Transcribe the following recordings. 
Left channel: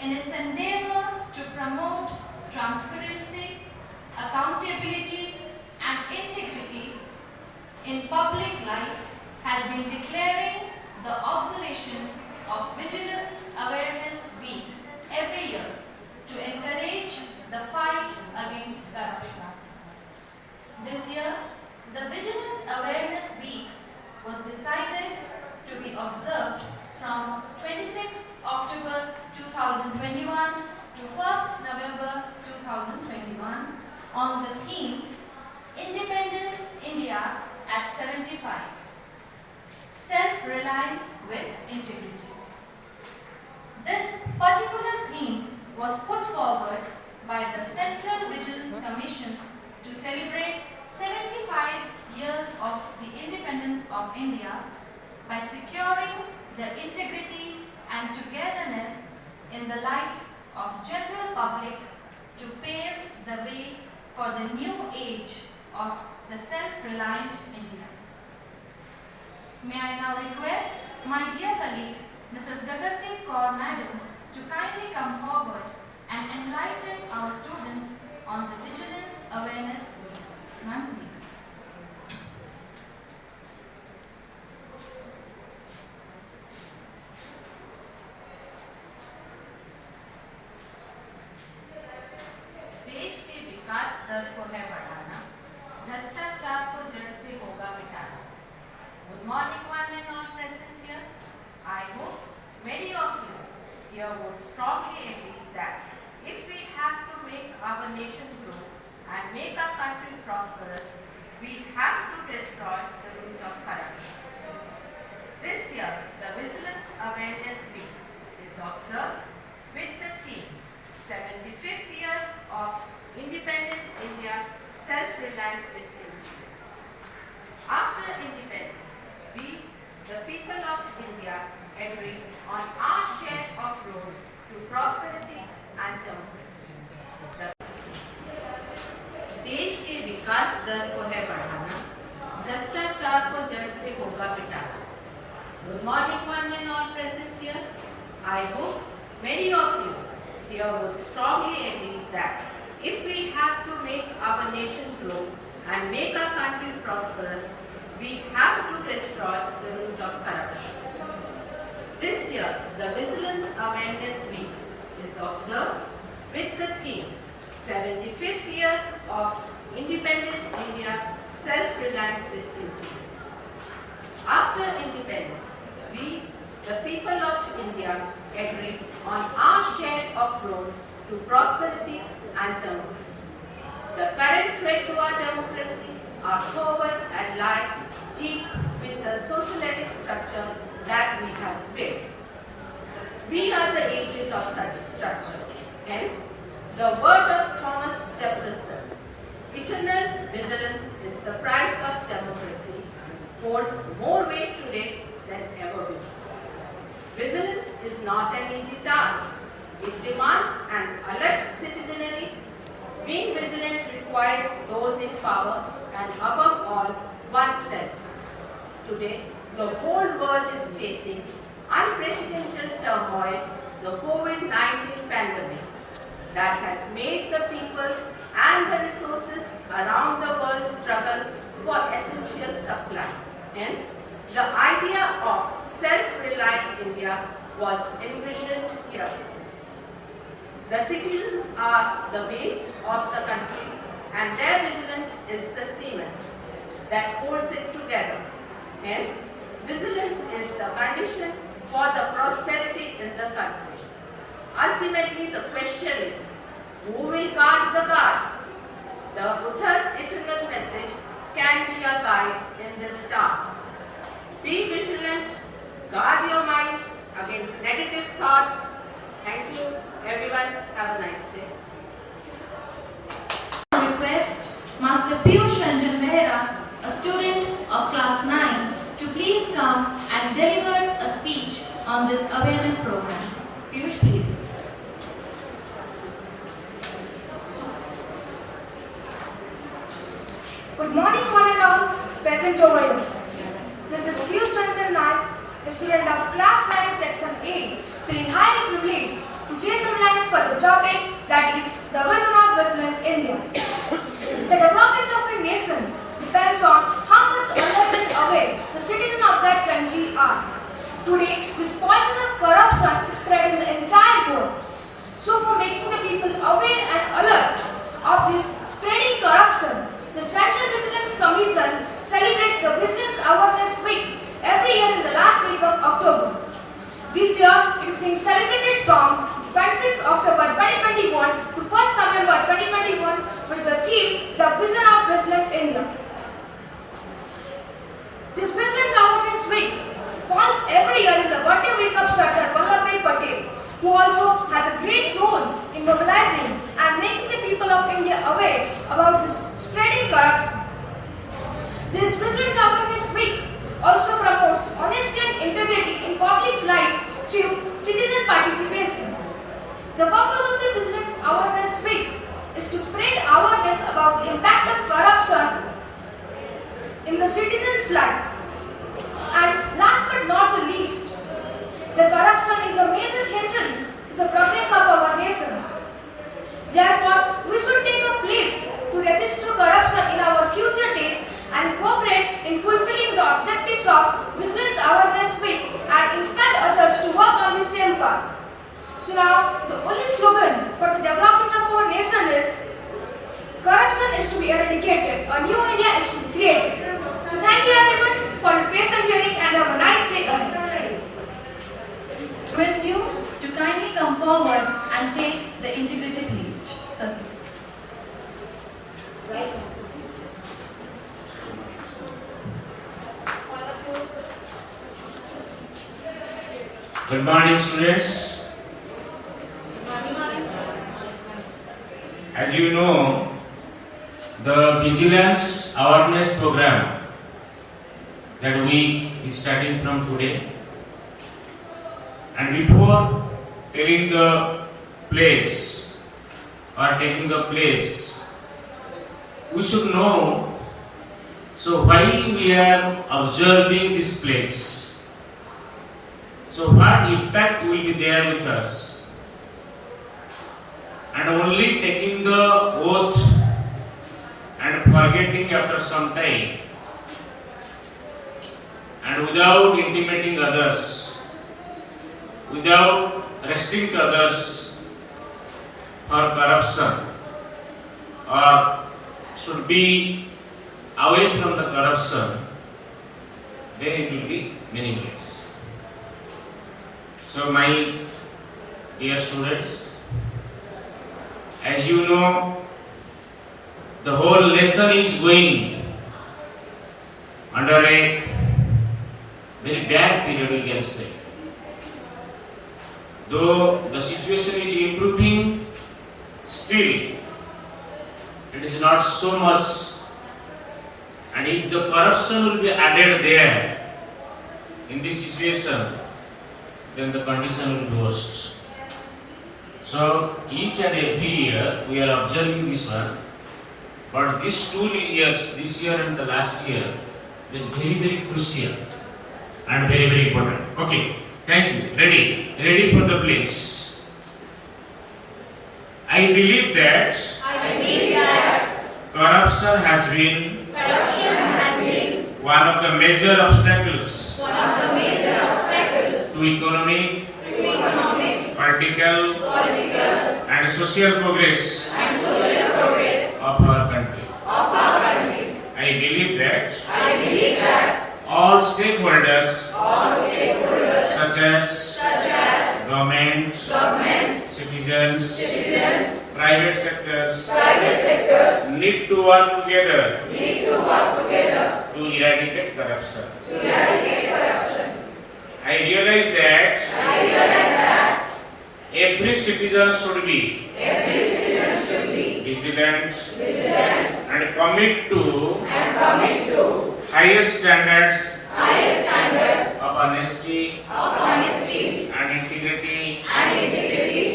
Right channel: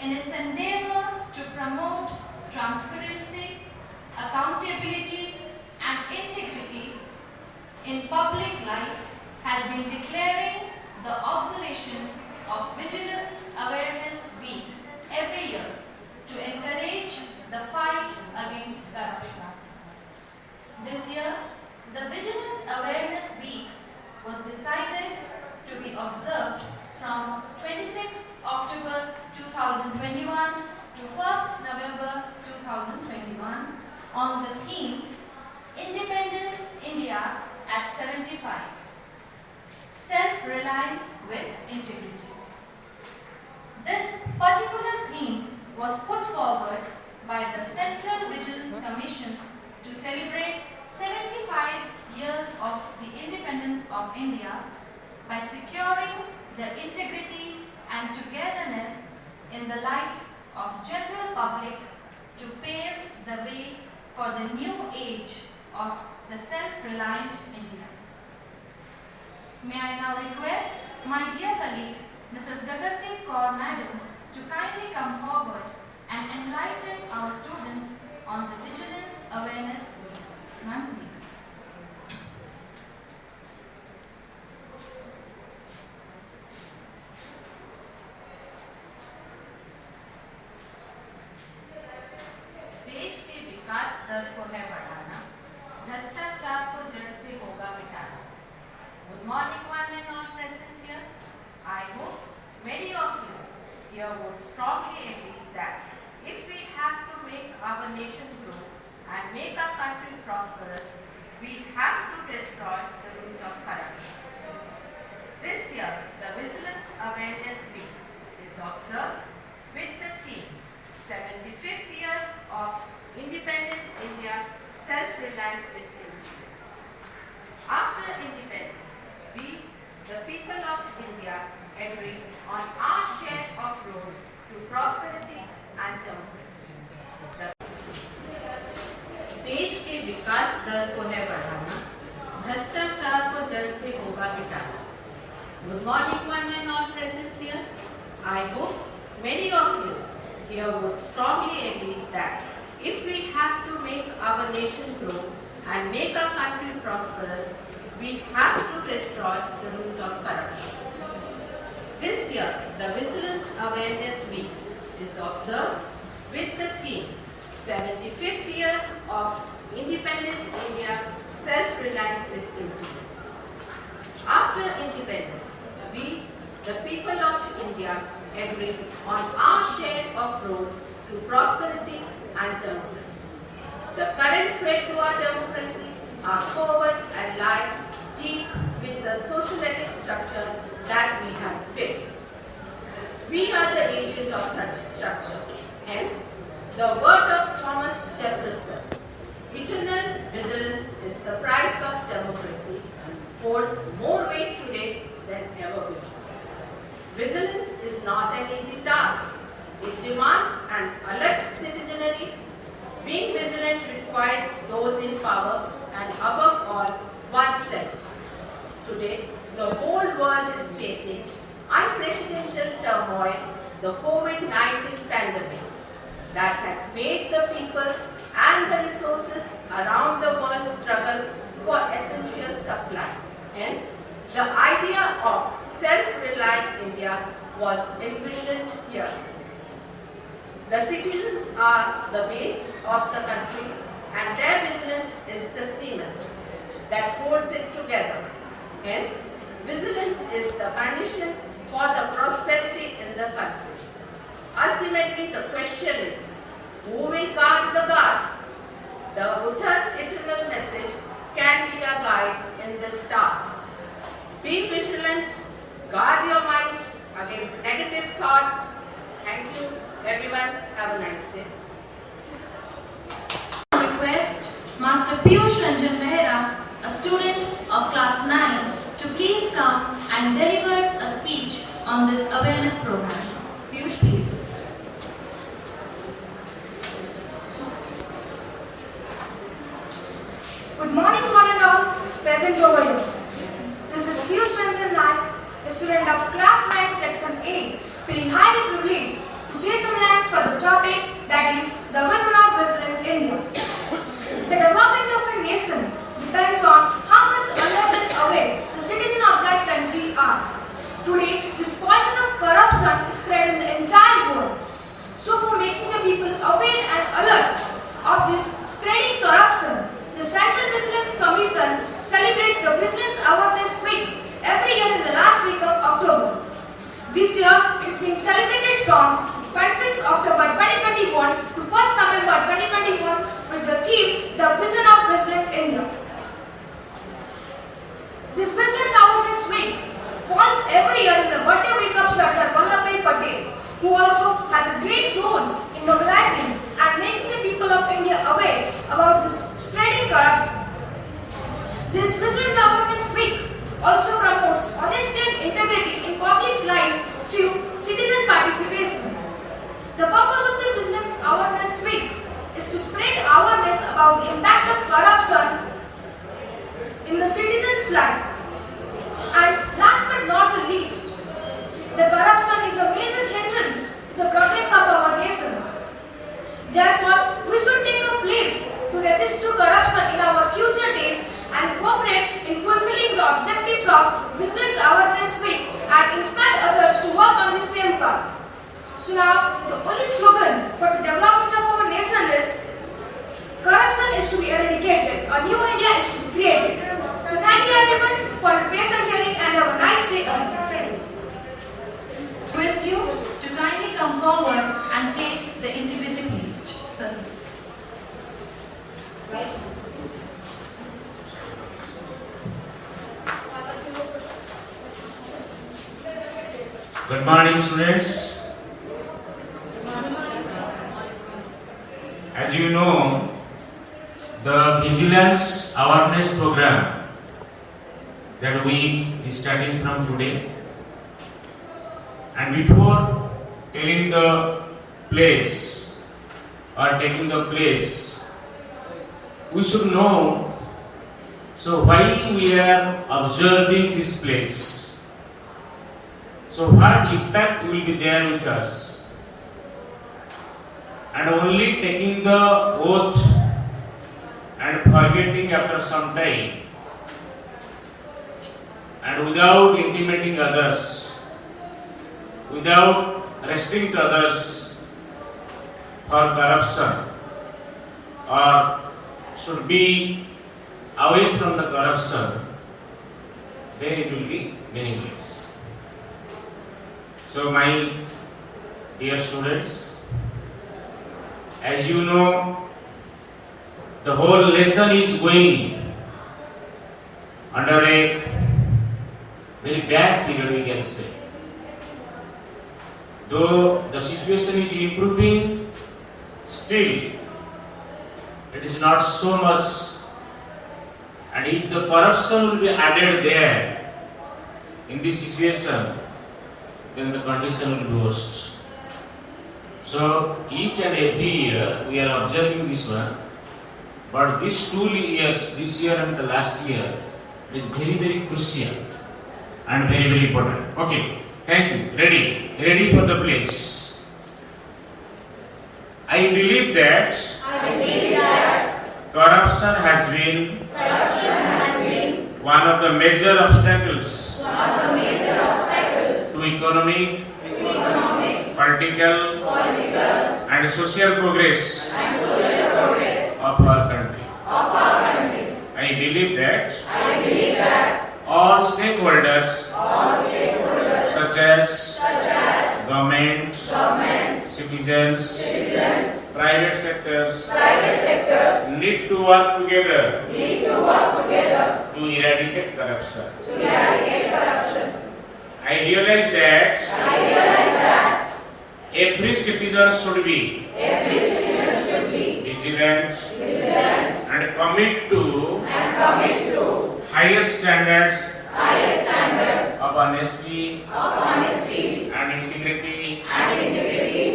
in its endeavor to promote transparency, accountability, and integrity in public life, has been declaring the observation of Vigilance Awareness Week every year to encourage the fight against corruption. This year, the Vigilance Awareness Week was decided to be observed from 26th October 2021 to 1st November 2021 on the theme Independent India at 75. Self-reliance with integrity. This particular theme was put forward by the Central Vigilance Commission to celebrate 75 years of the independence of India by securing the integrity and togetherness in the life of general public to pave the way for the new age of the self-reliant India. May I now request my dear colleague, Mrs. Gagandeep Kaur Madam, to kindly come forward and enlighten our students on the Vigilance Awareness Week. Ma'am, please. देश के विकास दर को है बढ़ाना, भ्रष्टाचार को जड़ से होगा मिटाना. Good morning, one and all present here. I hope many of you here would strongly agree that if we have to make our nation grow and make our country prosperous, we have to destroy the root of corruption. This year, the Vigilance Awareness Week is observed with the theme 75th year of Independent India, Self-Reliant with Integrity. After independence, we, the people of India, agree on our share of road to prosperity and democracy. देश के विकास दर को है बढ़ाना, भ्रष्टाचार को जड़ से होगा मिटाना. Good morning, one and all present here. I hope many of you here would strongly agree that if we have to make our nation grow and make our country prosperous, we have to destroy the root of corruption. This year, the Vigilance Awareness Week is observed with the theme 75th year of Independent India, Self-Reliant with Integrity. After independence, we, the people of India, agree on our share of road to prosperity and democracy. The current threat to our democracy are covert and lie deep with the socialistic structure that we have built. We are the agent of such structure. Hence, the word of Thomas Jefferson, eternal vigilance is the price of democracy, holds more weight today than ever before. Vigilance is not an easy task. It demands an alert citizenry. Being vigilant requires those in power and above all, oneself. Today, the whole world is facing unprecedented turmoil, the COVID-19 pandemic, that has made the people and the resources around the world struggle for essential supply. Hence, the idea of self-reliant India was envisioned here. The citizens are the base of the country and their vigilance is the cement that holds it together. Hence, vigilance is the condition for the prosperity in the country. Ultimately, the question is, who will guard the guard? The Buddha's eternal message can be a guide in this task. Be vigilant, guard your mind against negative thoughts. Thank you, everyone. Have a nice day. Request Master Piyush Ranjan Mehra, a student of class 9, to please come and deliver a speech on this awareness program. Piyush, please. Good morning, one and all present over here. This is Piyush Ranjan Naik, a student of class 9, section 8, feeling highly privileged to say some the topic, that is the vision of Vigilant India. The development of a nation depends on how much alert and aware the citizens of that country are. Today, this poison of corruption is spread in the entire world. So for making the people aware and alert of this spreading corruption, the Central Vigilance Commission celebrates the Vigilance Awareness Week every year in the last week of October. This year, it is being celebrated from 26 October 2021 to 1st November 2021 with the theme, The Vision of Vigilant India. This Vigilance Awareness Week falls every year in the birthday week of Sardar Vallabhbhai Patel, who also has a great role in mobilizing and making the people of India aware about this spreading corruption. This Vigilance Awareness Week also promotes honesty and integrity in public's life through citizen participation. The purpose of the Vigilance Awareness Week is to spread awareness about the impact of corruption in the citizen's life. And last but not the least, the corruption is a major hindrance to the progress of our nation. Therefore, we should take a place to resist to corruption in our future days and cooperate in fulfilling the objectives of Vigilance Awareness Week and inspire others to work on the same path. So now, the only slogan for the development of our nation is, corruption is to be eradicated, a new India is to be created. So thank you everyone for your patient hearing and have a nice day. Request you to kindly come forward and take the individual lead. Sir. Good morning, students. As you know, the Vigilance Awareness Program that week is starting from today. And before telling the place or taking the place, we should know, so why we are observing this place. So what impact will be there with us? And only taking the oath and forgetting after some time and without intimating others, without arresting to others for corruption or should be away from the corruption, then it will be meaningless. So my dear students, as you know, the whole lesson is going under a very bad period, we can say. Though the situation is improving, still it is not so much. And if the corruption will be added there in this situation, then the condition will be worse. So each and every year we are observing this one, but these 2 years, this year and the last year, is very, very crucial and very, very important. Okay, thank you. Ready for the place. I believe that corruption has been one of the major obstacles to economic, political, and social progress of our country. I believe that all stakeholders, such as government, citizens, private sectors, need to work together to eradicate corruption. I realize that every citizen should be vigilant and commit to highest standards of honesty and integrity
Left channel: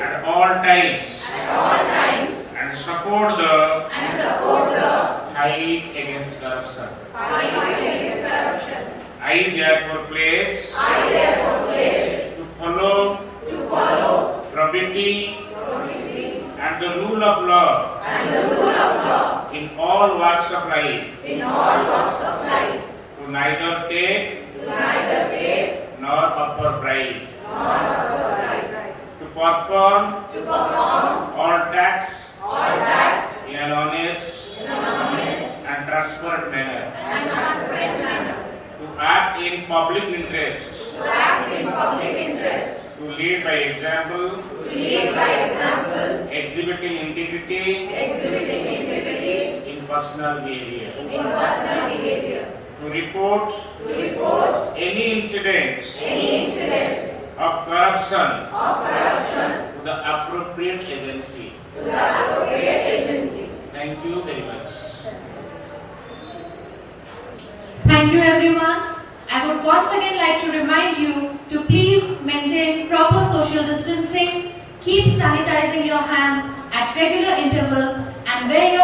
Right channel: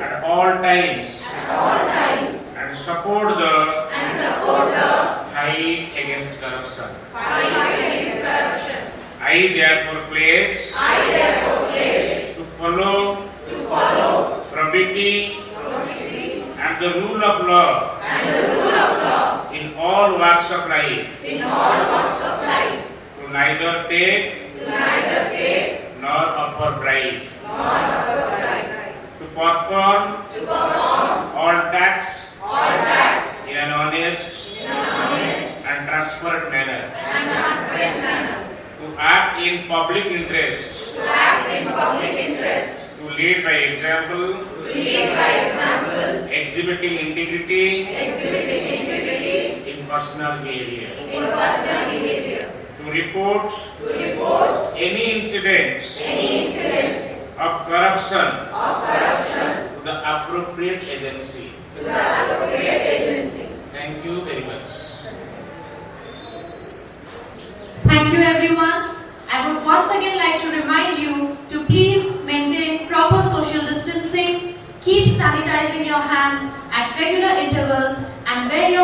at all times and support the fight against corruption. I therefore pledge to follow probity, and the rule of law in all walks of life, to neither take nor offer bribe, to perform all tax in an honest and transparent manner, to act in public interest, to lead by example, exhibiting integrity in personal behavior, to report any incident of corruption to the appropriate agency. Thank you very much. Thank you everyone. I would once again like to remind you to please maintain proper social distancing, keep sanitizing your hands at regular intervals and wear your